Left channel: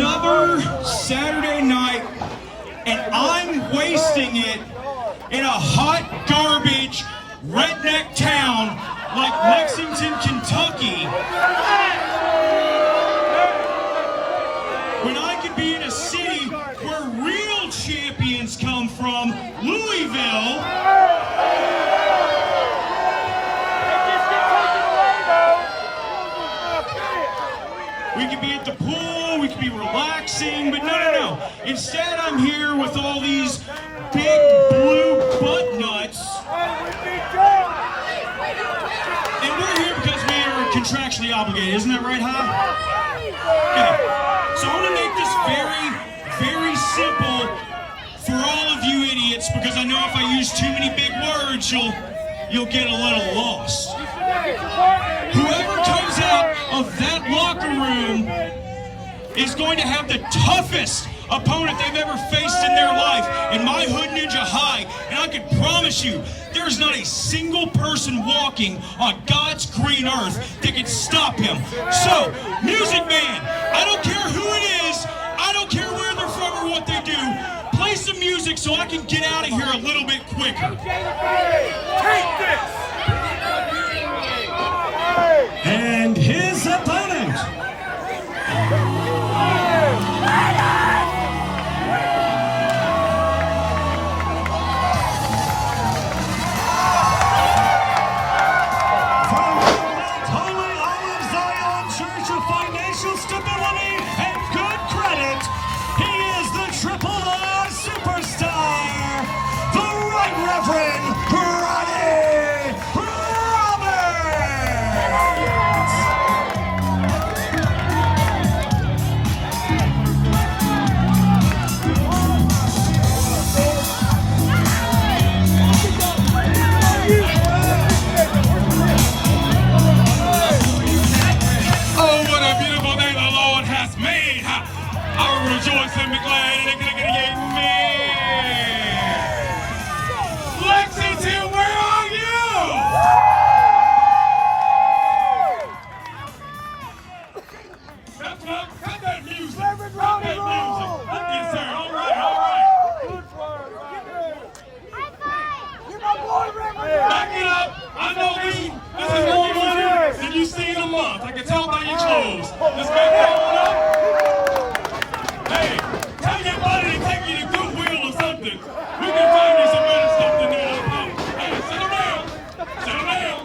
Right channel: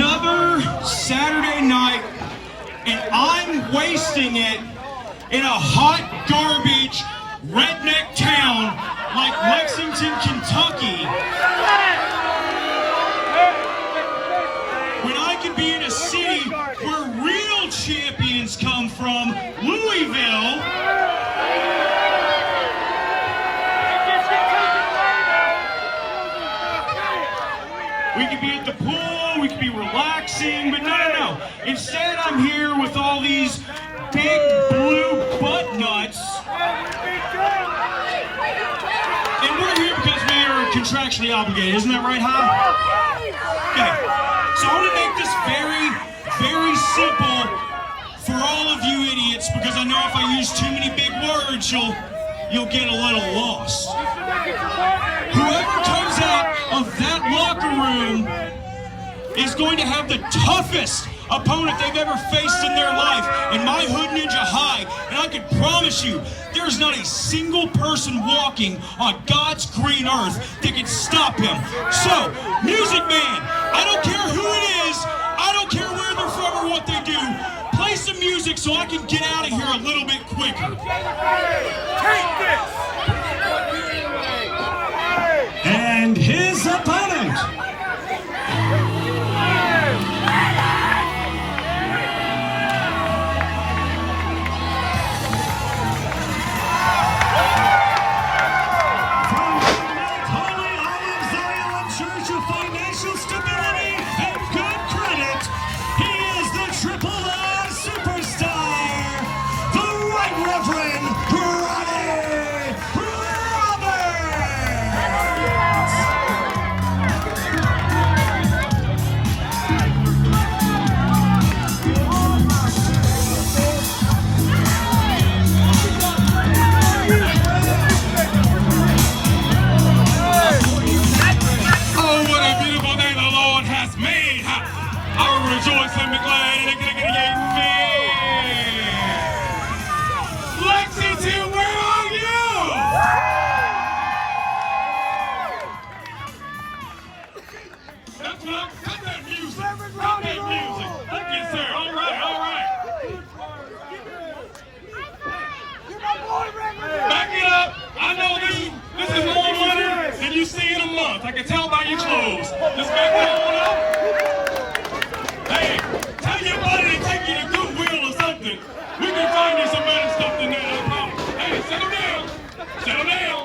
another Saturday night, and I'm wasting it in a hot garbage redneck town like Lexington, Kentucky, when I could be in a city where real champions come from, Louisville. We could be at the pool, we could be relaxing, but no. Instead, I'm here with all these big blue butt nuts. And we're here because we are contractually obligated. Isn't that right, huh? Okay. So I want to make this very, very simple for all of you idiots, because I know if I use too many big words, you'll get a little lost. Whoever comes out of that locker room is going to have the toughest opponent they've ever faced in their life in my Hood Ninja High, and I can promise you there's not a single person walking on God's green earth that can stop him. So, Music Man, I don't care who it is, I don't care where they're from or what they do, play some music so I can get out of here a little bit quicker. Take this! And his opponent, financial stability and good credit, he is the Triple R Superstar, the Right Reverend Ronnie Roberts. Oh, what a beautiful day the Lord has made. I will rejoice and be glad in it. Lexington, where are you? That's what cut that music. Cut that music. Okay, sir. All right. Back it up. I know this is more money than you see in a month. I can tell by your clothes. Let's back that one up. Hey, tell your buddy to take you to Goodwill or something. We can find you some better stuff than that. Hey, settle down. Settle down.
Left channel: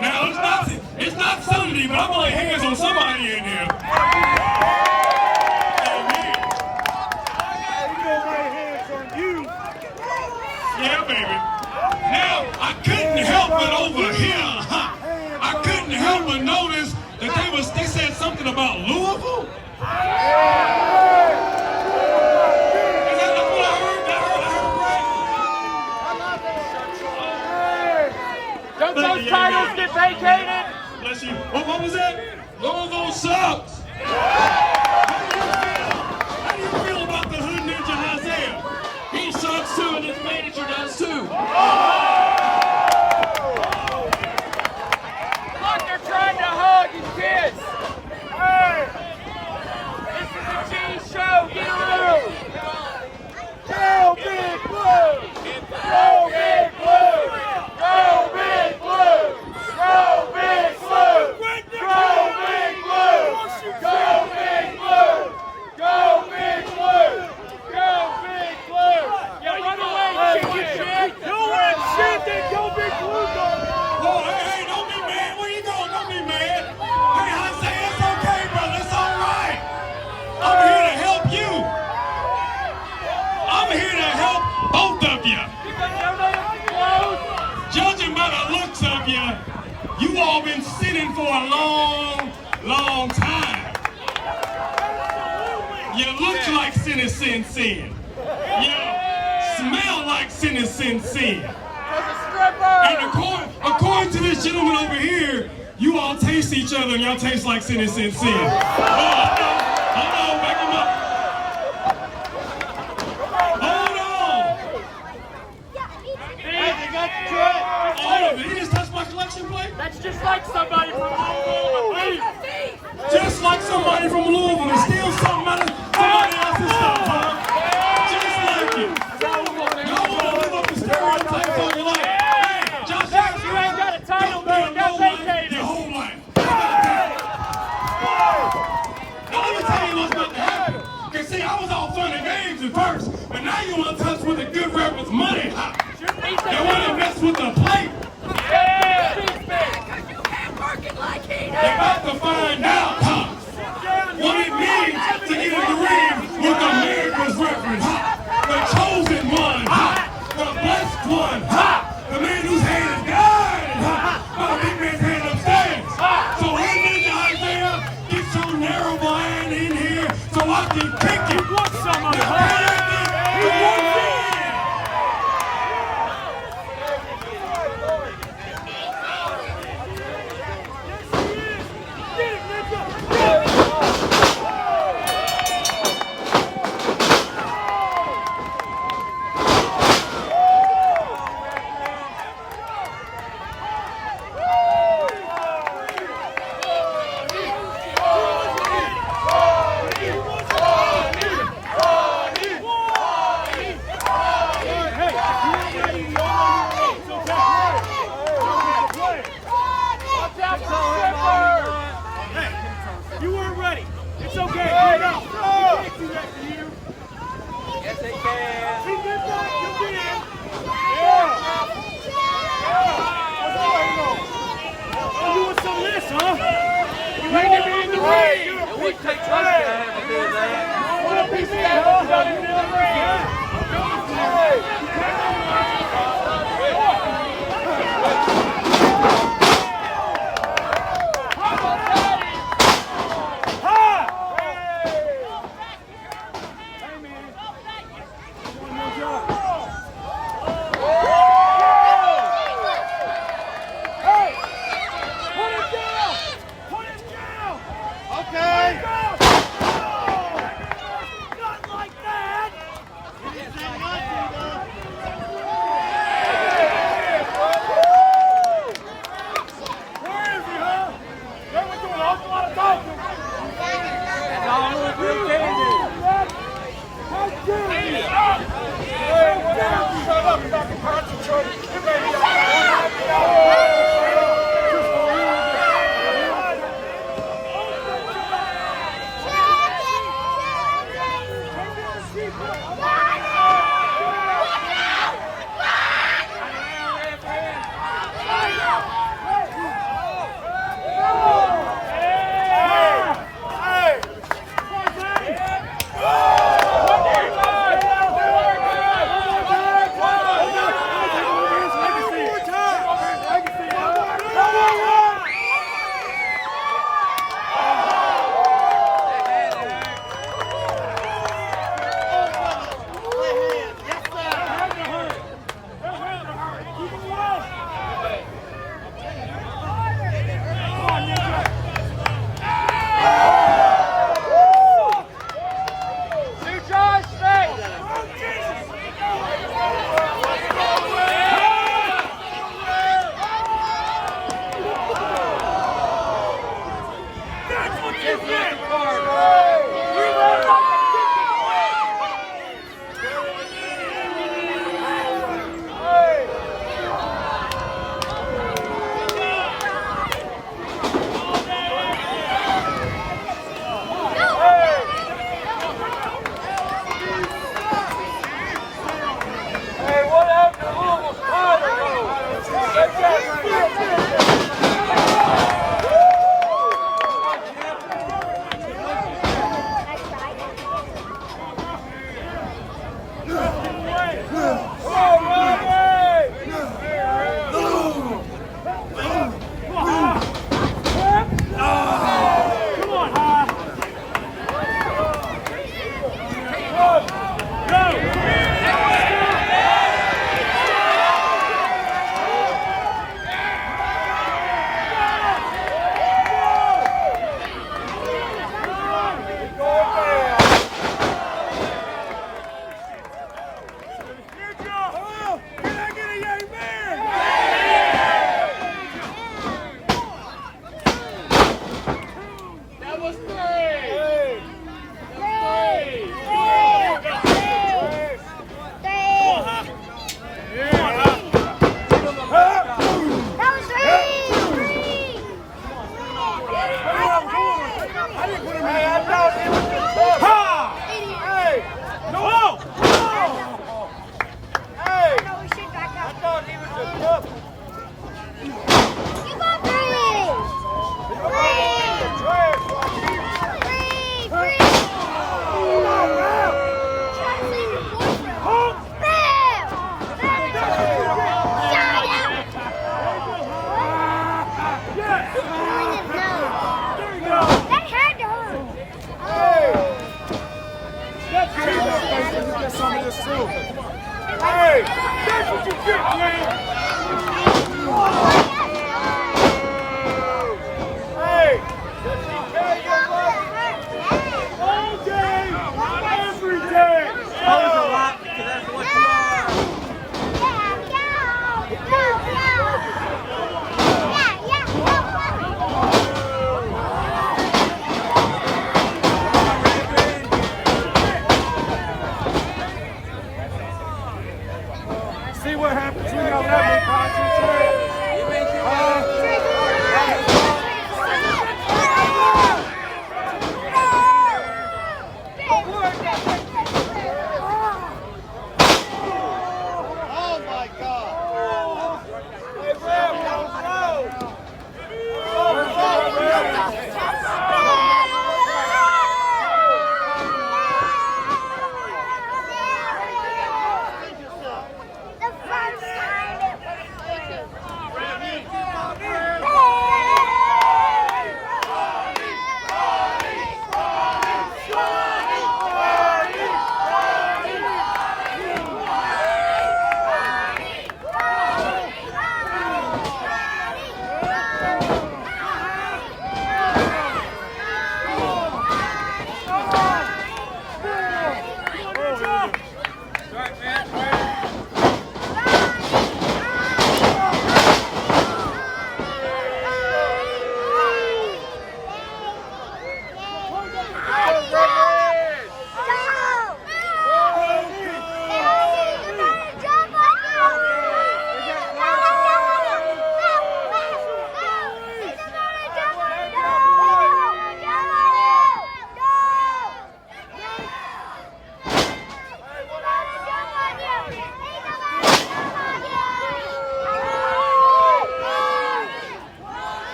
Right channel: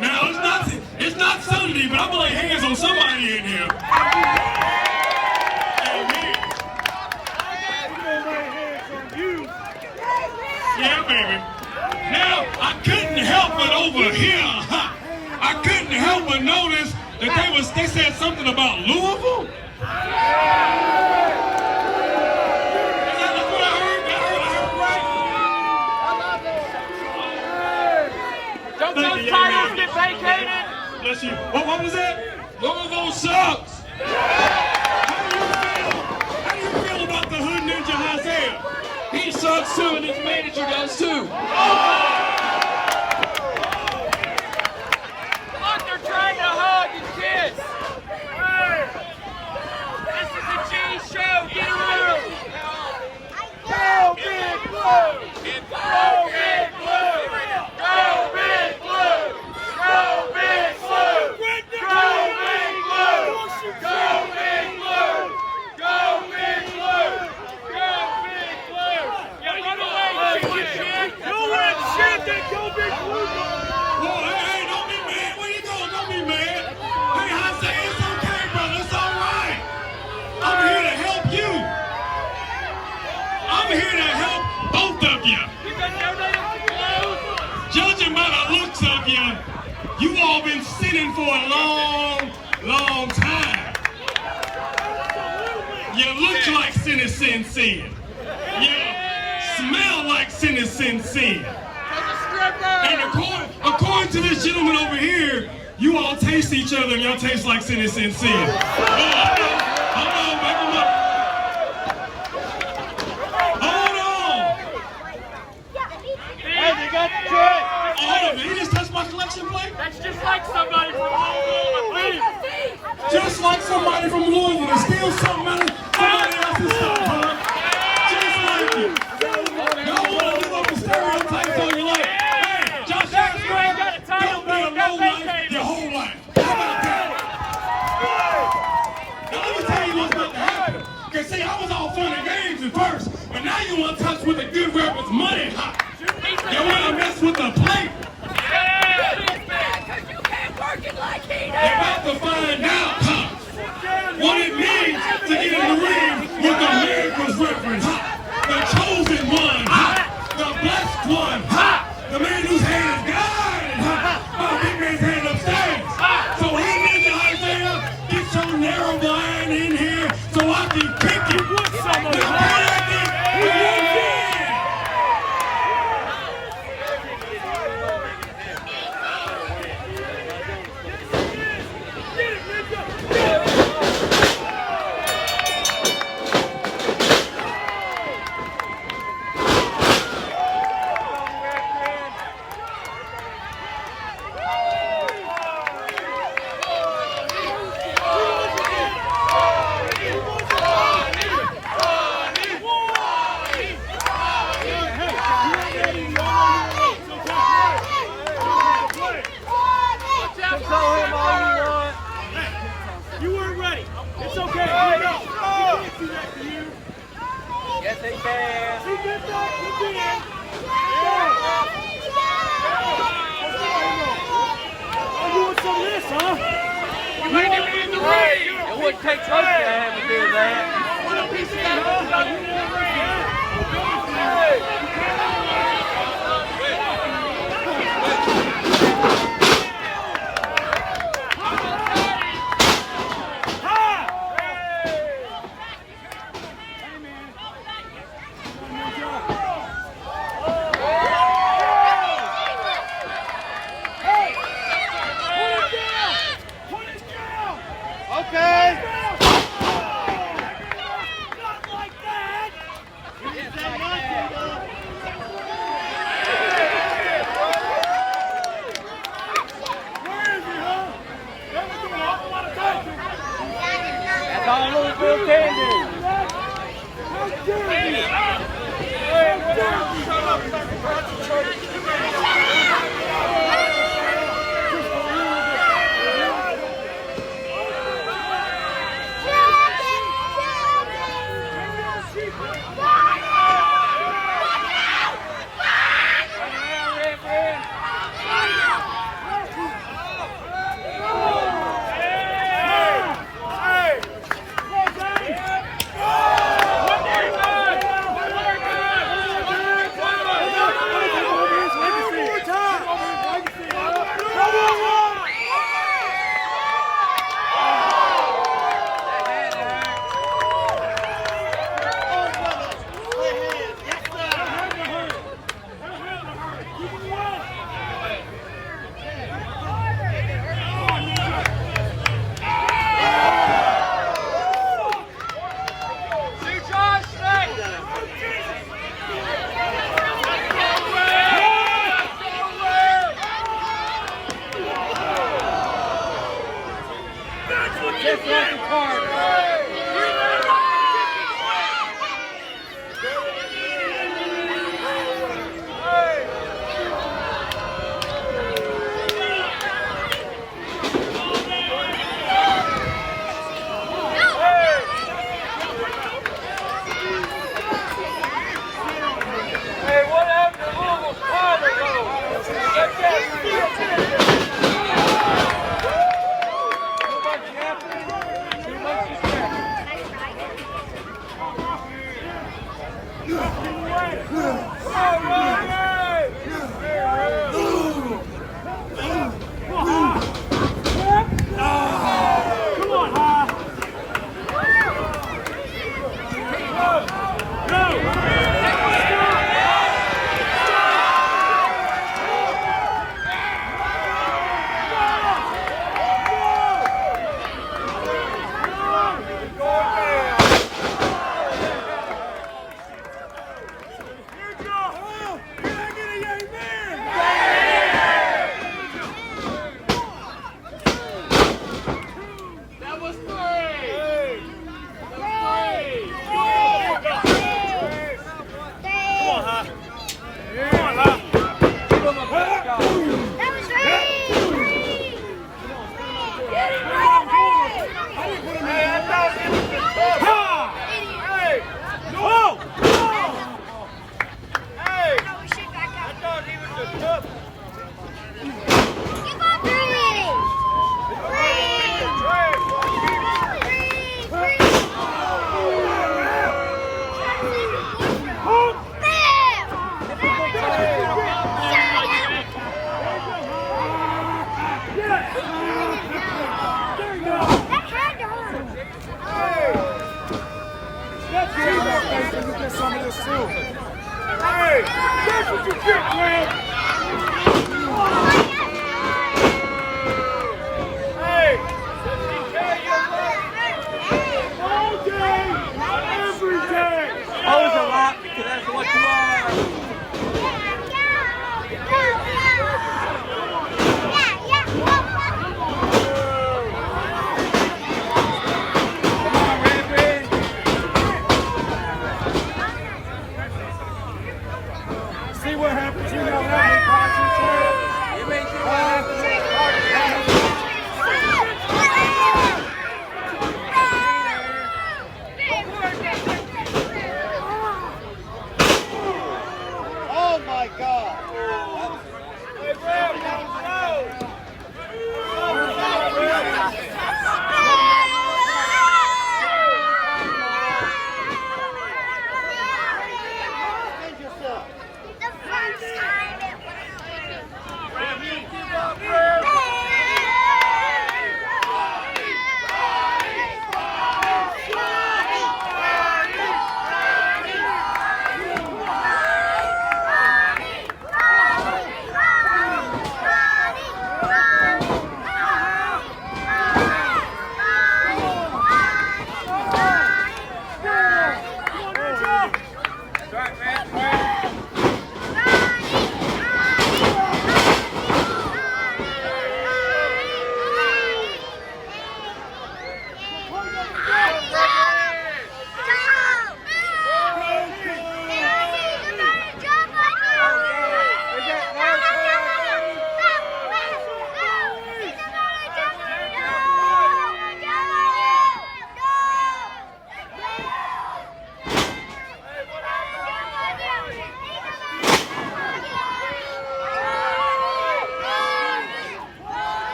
Now, it's not Sunday, but I'm going to lay hands on somebody in here. Yeah, baby. Now, I couldn't help but over here, I couldn't help but notice that they said something about Louisville. That's what I heard. Don't those titles get vacated? Bless you. What was that? Louisville sucks. How do you feel about the Hood Ninja Isaiah? He sucks too, and his manager does too. Look, they're trying to hug and kiss. Hey, this is a cheese show. Get through. Go Big Blue! Go Big Blue! Go Big Blue! Go Big Blue! Go Big Blue! Go Big Blue! Go Big Blue! Go Big Blue! Go Big Blue! Whoa, hey, don't be mad. Where you going? Don't be mad. Hey, Isaiah, it's okay, brother. It's all right. I'm here to help you. I'm here to help both of you. Judging by the looks of you all been sitting for a long, long time. You look like sin. You smell like sin. And according to this gentleman over here, you all taste each other and y'all taste like sin. Hold on, back him up. Hold on. Hey, you got the truck. Hold on, you just touched my my collection plate? That's just like somebody from Louisville. Just like somebody from Louisville to steal something out of somebody else's stuff, huh? Just like it. Y'all want to live up the stereotypes all you like. Hey, Josh Jackson, You ain't got a title, don't be a you got low-life vacated. your whole life. Now let me tell you what's about to happen. Cause see, I was all fun and games at first, but now you want to touch with a good rapper's money, huh? You want to mess with the plate. Because you can't work it like he You're does. about to find out, huh? What it means to get in the ring with America's reference, huh? The chosen one, huh? The blessed one, huh? The man whose hand is guided, huh? By the big man's hand upstairs. So hey, Ninja Isaiah, get your narrow blind in here so I can kick it. Want some of it, huh? He wants it. You weren't ready. It's okay. You know. We can't do that to you. Yes, they can. You did that. You did. Oh, you want some of this, huh? You want to be in the ring. It wouldn't take much to have to do that. You want a piece of that? You want this?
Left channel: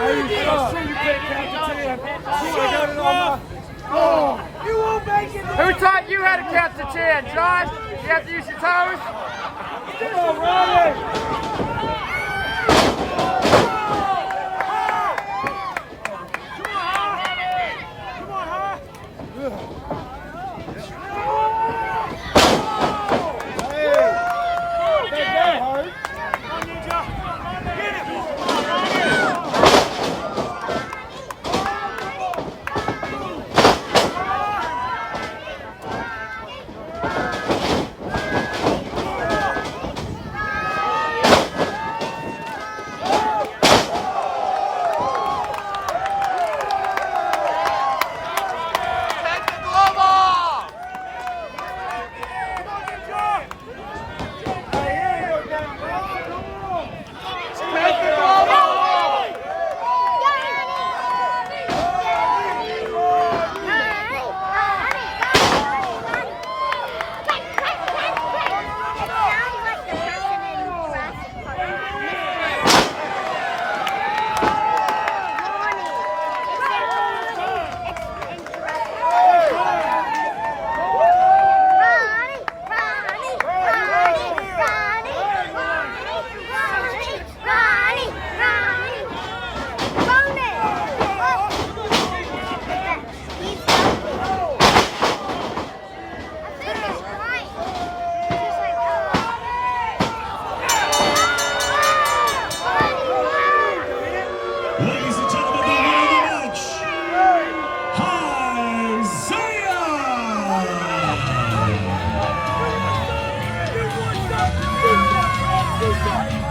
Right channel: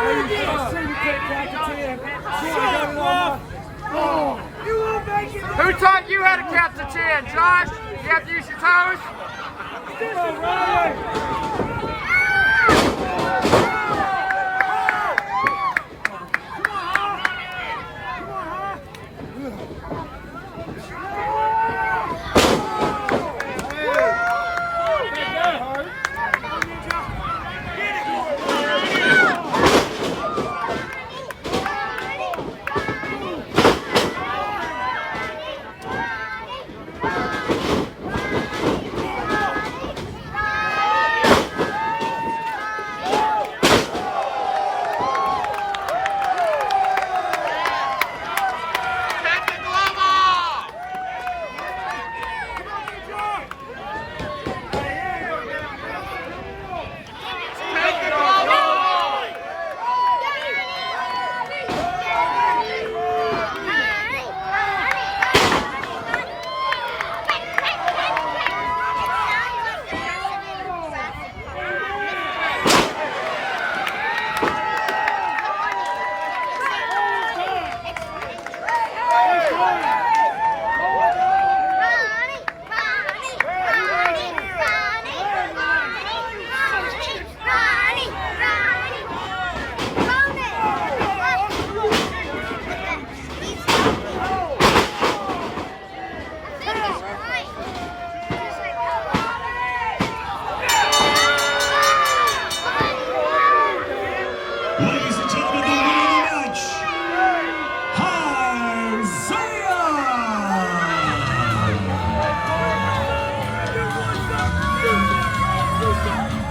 You can't count to 10. I got it on my... You won't make it. Who taught you how to count to 10, John? You have to use your toes? Come on, Ryan.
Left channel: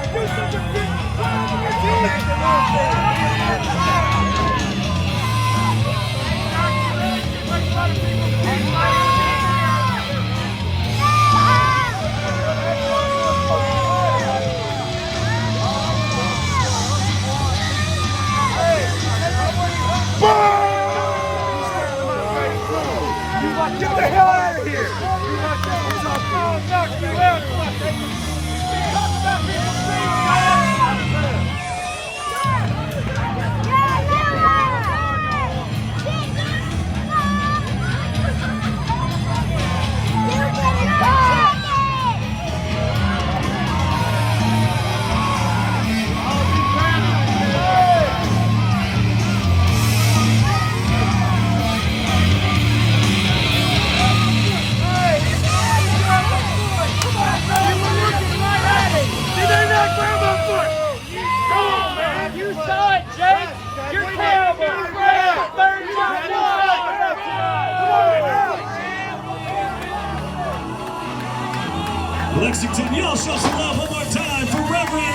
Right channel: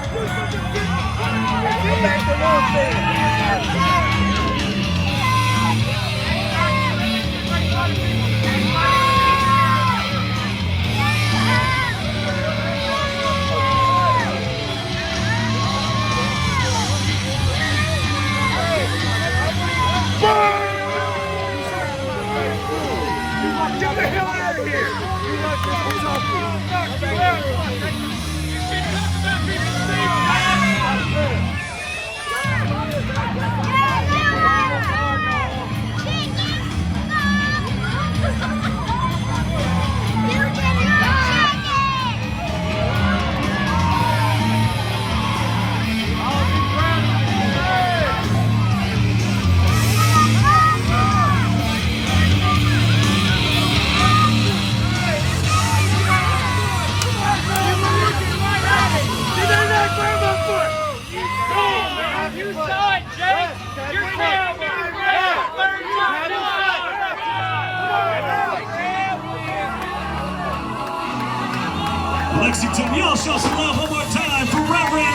Ladies and gentlemen, the winner of the match, Get the hell out of here! You like this? Lexington, y'all show some love one more time for Reverend